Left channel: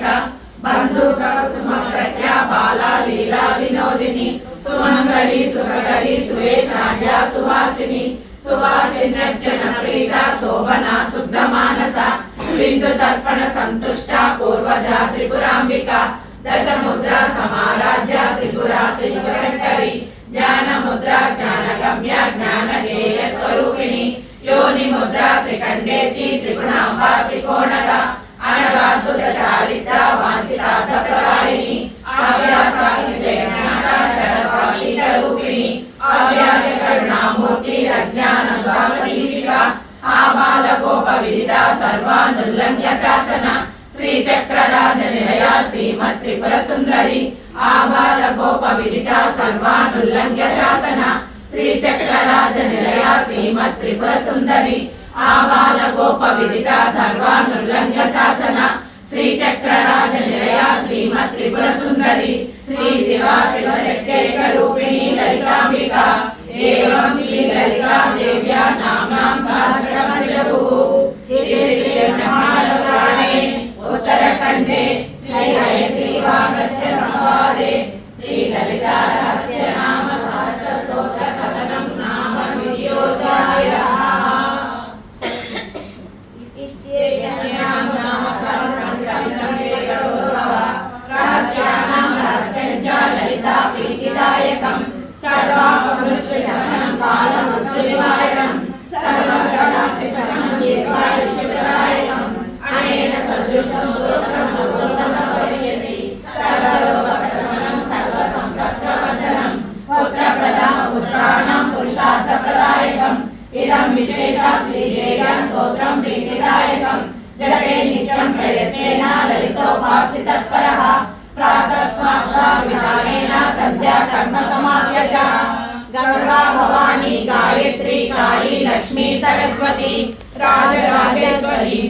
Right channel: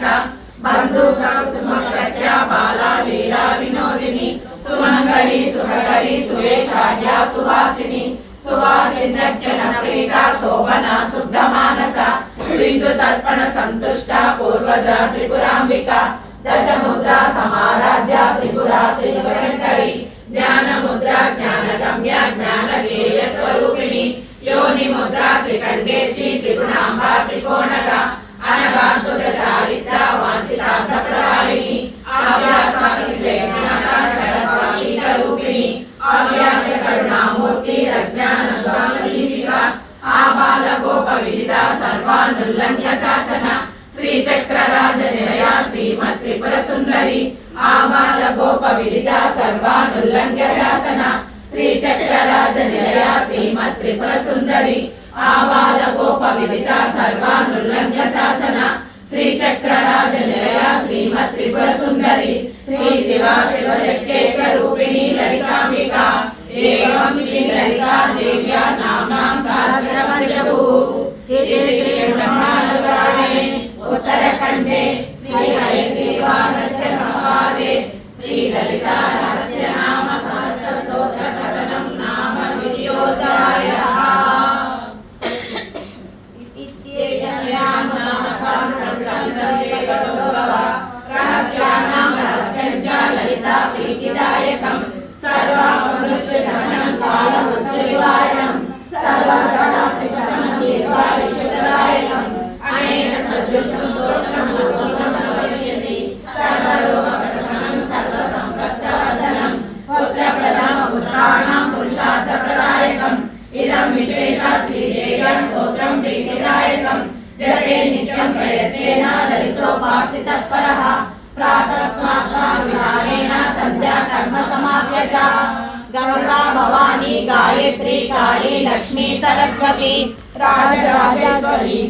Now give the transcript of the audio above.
कामिका बंधुक कुसुम प्रज्ञा बाला लीला विनोदिनी सुमंगली सुभगली सुरेशाढ्या सुवासिनी सुवासिन्यर्चन प्रीता शोभना शुद्ध मानसा बिंदु तर्पण संतुष्टा पूर्वजा त्रिपुरांबिका दश मुद्रा समाराध्या त्रिपुरा श्रीशंकरी ज्ञान मुद्रा ज्ञान गम्य ज्ञान गेय स्वरूपिणी योनि मुद्रा त्रिकंडेशी त्रिगुणांबा त्रिकोणगा अनगाद्भुत चारित्र वांछितार्थ प्रदायिनी आव्यासातिशयज्ञानशरणीत रूपिणी अव्याज करुणामूर्ति अज्ञान दीपिका आबाल गोप विदिता सर्वानुल्लंघ्य शासन श्री चक्रराज निलया श्रीमत् त्रिपुर सुंदरी आबाल गोप विदिता सर्वानुल्लंघ्य शासन श्री चक्रराज निलया श्रीमत् त्रिपुर सुंदरी आबाल गोप विदिता सर्वानुल्लंघ्य शासन श्री चक्रराज निलया श्रीमत् त्रिपुर सुंदरी श्री शिवा शिवशक्त्यैक रूपिणी ललितांबिका एवं श्री ललिता देव्या नाम्नां सहस्रं जगुः उत्तरखंडे श्री हयग्रीवागस्य संवादे श्री ललिता रहस्य नाम सहस्र स्तोत्र कथनं नाम विद्योदायः रहस्यानां रहस्यं च ललिता प्रीतिदायकं सर्वापमृत्यु शमनं कालमृत्यु निवारणं सर्वग्रहास्य शमनं दीर्घायुष्यप्रदायकम् अनेन सदृशं स्तोत्रं भगवन् भविष्यति सर्वरोगप्रशमनं सर्वसम्पत्प्रवर्धनं पुत्रप्रदानं पुत्राणां पुरुषार्थप्रदायकम् इदं विशेषात् श्रीदेव्या स्तोत्रं प्रीतिदायकम् जपे नित्यं प्रयत्नेन ललितोपासितत्परः प्रातस्मात् विहारेण संध्या कर्म समाप्य च गंगा भवानी गायत्री काली लक्ष्मी सरस्वती राजराजेश्वरी